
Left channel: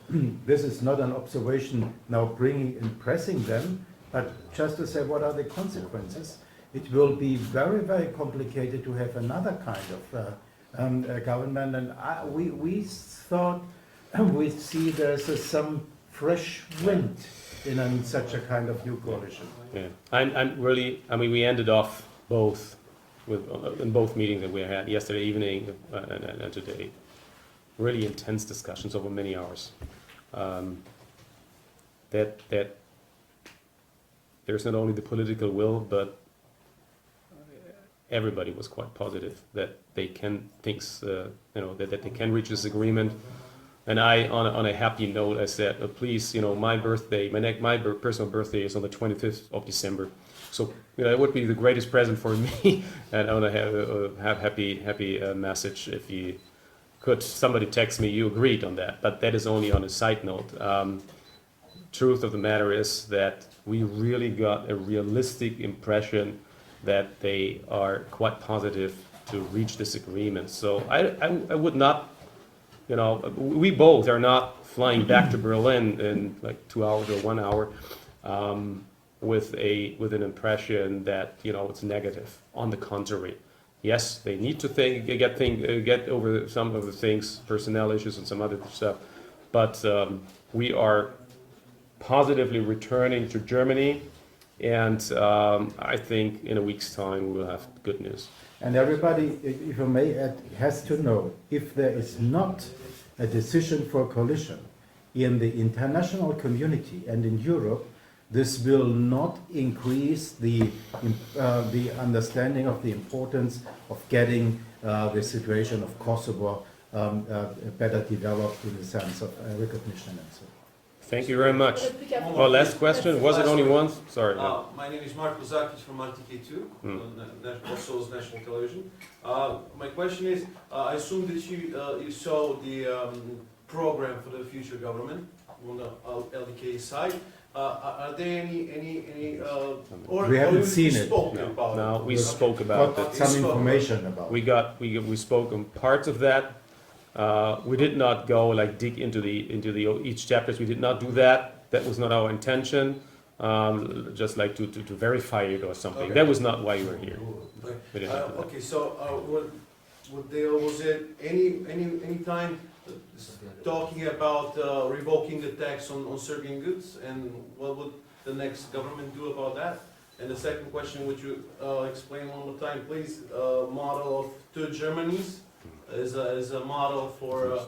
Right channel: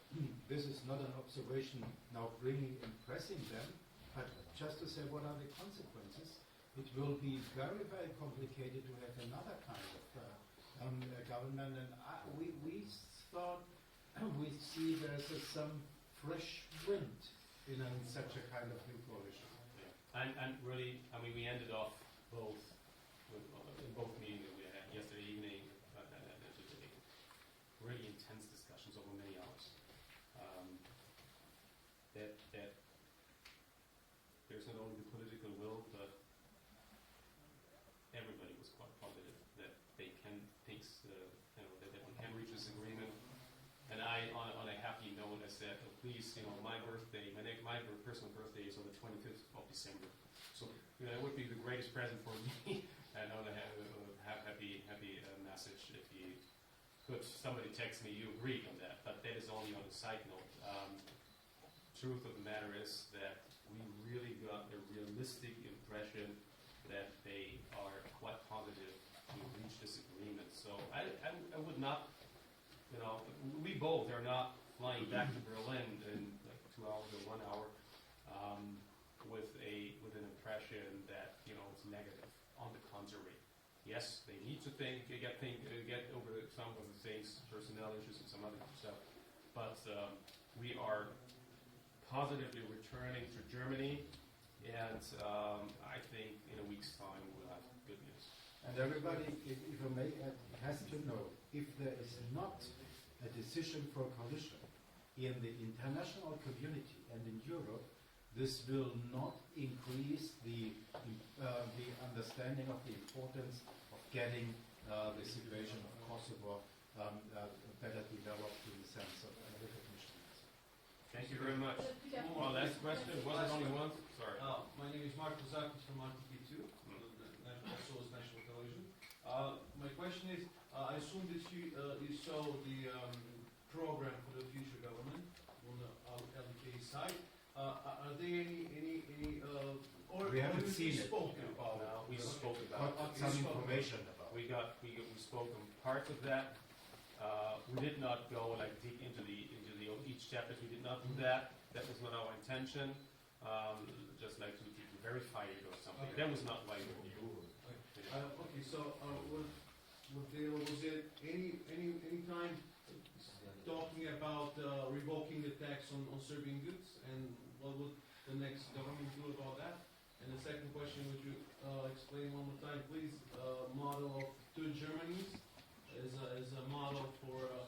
this is not an observation now bringing and pressing them, but just to say what are the consequences. It will be very, very complicated to have another kind of government, and we thought we see there's some fresh wind in such a kind of new coalition. Yeah. I'm really, I mean, we ended off both with in both meetings that we had yesterday evening and today. Really intense discussions over many hours. That there's not only the political will, but everybody was quite positive that they can that they can reach this agreement. And I, on a happy note, I said, please, my birthday, my personal birthday is on the 25th of December. So, it would be the greatest present for me, and I want to have happy message if you could. Somebody text me, you agreed on that, but that is only on a side note. Truth of the matter is that we really got a realistic impression that they are quite positive to reach this agreement. So I would not, we both are not flying back to Berlin in like 2 hours or 1 hour. With an impression that it's negative. On the contrary, yes, they need to get over some of the things, personnel issues and some other stuff, but we are positively returning to Germany, and I think in a week's time we will have good news. And everybody, if I may add, has to know, if there is not a decision for coalition in the international community and in Europe, this will not increase the understanding of the importance of getting the situation of Kosovo better developed in the sense of recognition and so on. Thank you very much. Oh, last question. Was it only one? Sorry. My name is Mark Lozakis from RTK2, Kosovo's national television. My question is, I assume that you saw the program for the future government on the LDK side. Are there any we haven't seen it. No, we spoke about it. Some information about. We spoke on parts of that. We did not go dig into the each chapters. We did not do that. That was not our intention. Just like to verify it or something. Okay. That was not why we were here. We didn't do that. Okay, so was it any time talking about revoking the tax on Serbian goods, and what would the next government do about that? And the second question, would you explain one more time, please, model of two Germanys as a model for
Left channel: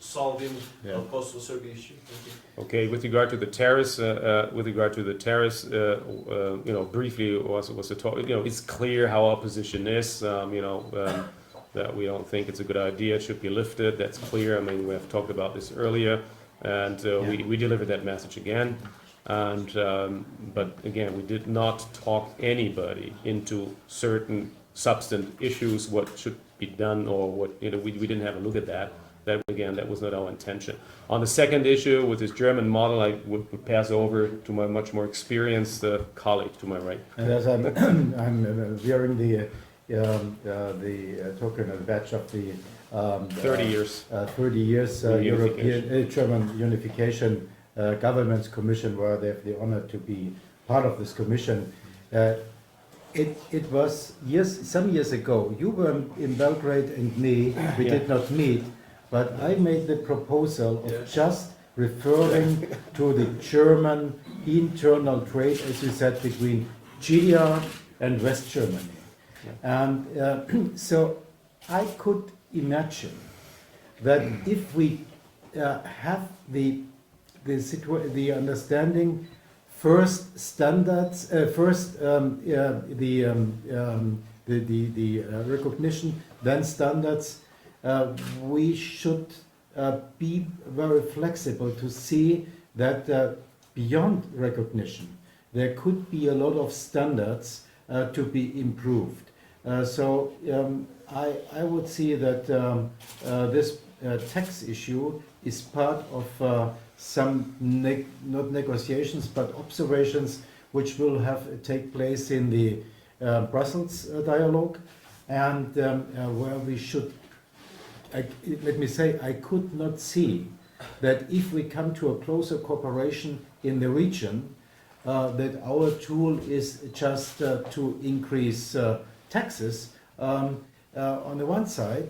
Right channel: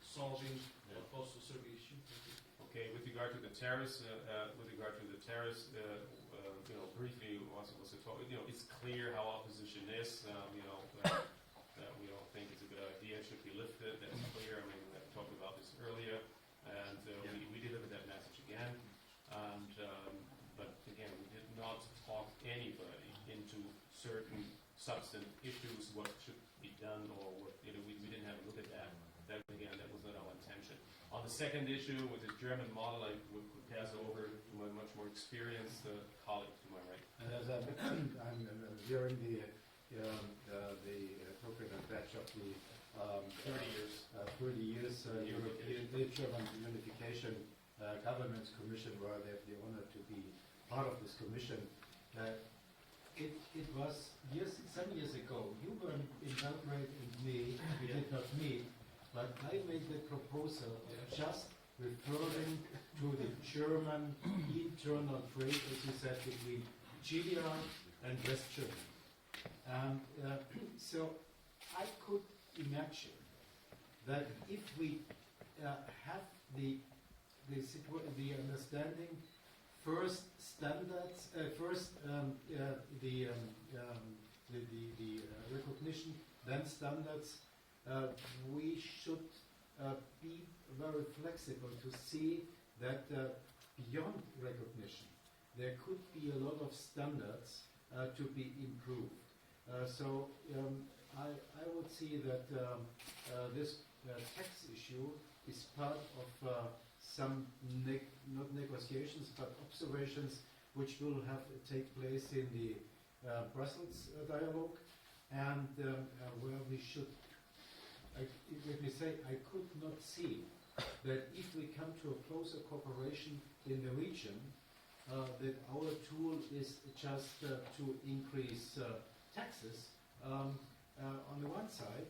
solving the Kosovo-Serbia issue? Thank you. Okay, with regard to the terrorists, briefly was the talk. It's clear how our position is. That we don't think it's a good idea. It should be lifted. That's clear. I mean, we have talked about this earlier, and we delivered that message again. And but again, we did not talk anybody into certain substantive issues, what should be done, or what we didn't have a look at that. That was not our intention. On the second issue with this German model, I would pass over to my much more experienced colleague to my right. And as I'm wearing the token of badge of the 30 years. 30 years European German Unification Governments Commission, where they have the honor to be part of this commission. It was some years ago. You were in Belgrade and me. We did not meet, but I made the proposal of just referring to the German internal trade, as you said, between GDR and West Germany. And so I could imagine that if we have the understanding, first standards, first the recognition, then standards, we should be very flexible to see that beyond recognition there could be a lot of standards to be improved. So I would see that this tax issue is part of some not negotiations but observations which will take place in the Brussels dialogue, and where we should, let me say, I could not see that if we come to a closer cooperation in the region, that our tool is just to increase taxes on the one side.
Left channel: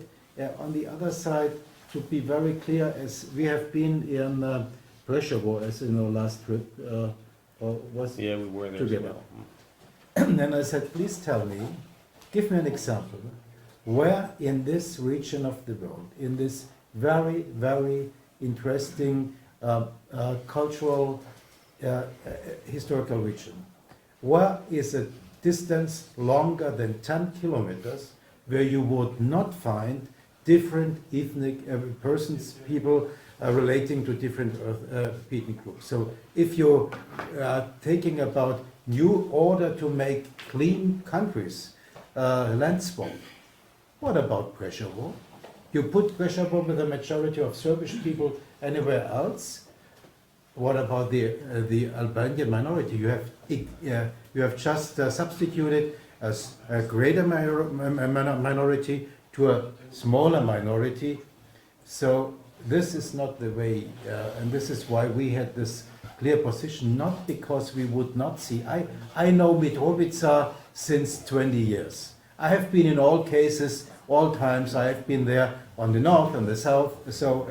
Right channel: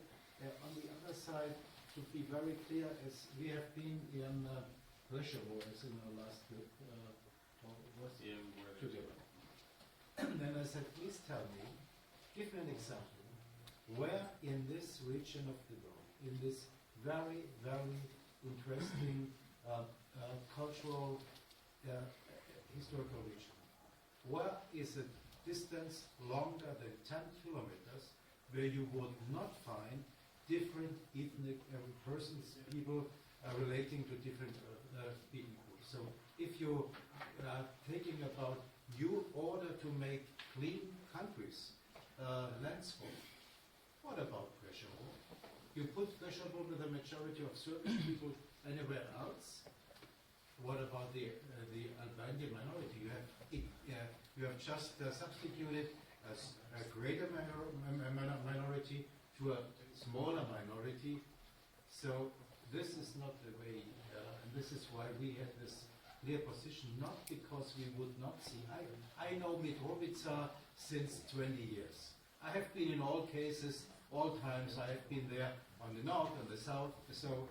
On the other side, to be very clear, as we have been in pressure war, as in our last trip, or was Yeah, we were there together. as well. And I said, please tell me, give me an example, where in this region of the world, in this very, very interesting cultural, historical region, where is a distance longer than 10 kilometers where you would not find different ethnic persons, people relating to different ethnic groups. So if you're taking about new order to make clean countries, land swap, what about pressure war? You put pressure war with the majority of Serbian people anywhere else. What about the Albanian minority? You have just substituted a greater minority to a smaller minority. So this is not the way, and this is why we had this clear position, not because we would not see. I know Mitrovica since 20 years. I have been in all cases, all times. I have been there on the north and the south, so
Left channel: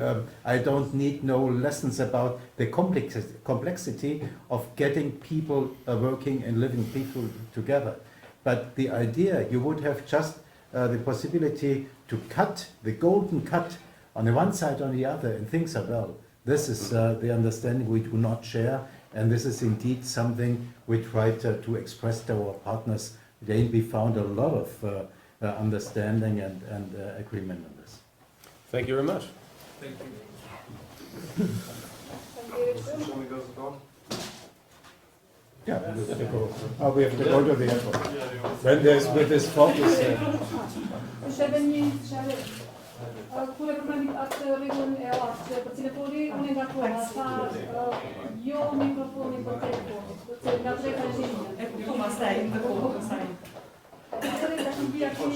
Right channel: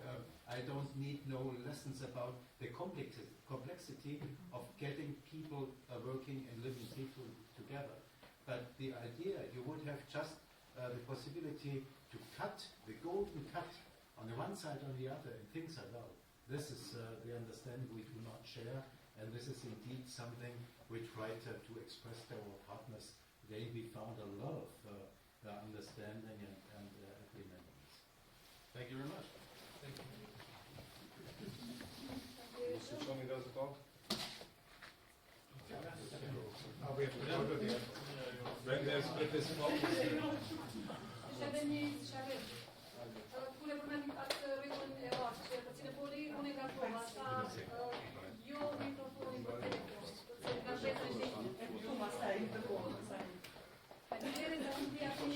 I don't need no lessons about the complexity of getting people working and living people together. But the idea, you would have just the possibility to cut, the golden cut, on the one side, on the other, and things are well. This is the understanding we do not share, and this is indeed something we tried to express to our partners. Then we found a lot of understanding and agreement on this. Thank you very much. Thank you. Shall we go to the Yeah, we have to go. Oh, we have to go to the airport. When there's with this focus. Kur e përmendit atë rregullin e artë që përcjellë poli, unë nga koha tha jo mikrofoni për telefonit, përse nga drejta e gjinje. E kuptova, staj, në kohë, staj. E drejta që mbi aki...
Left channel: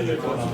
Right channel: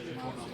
Telefonat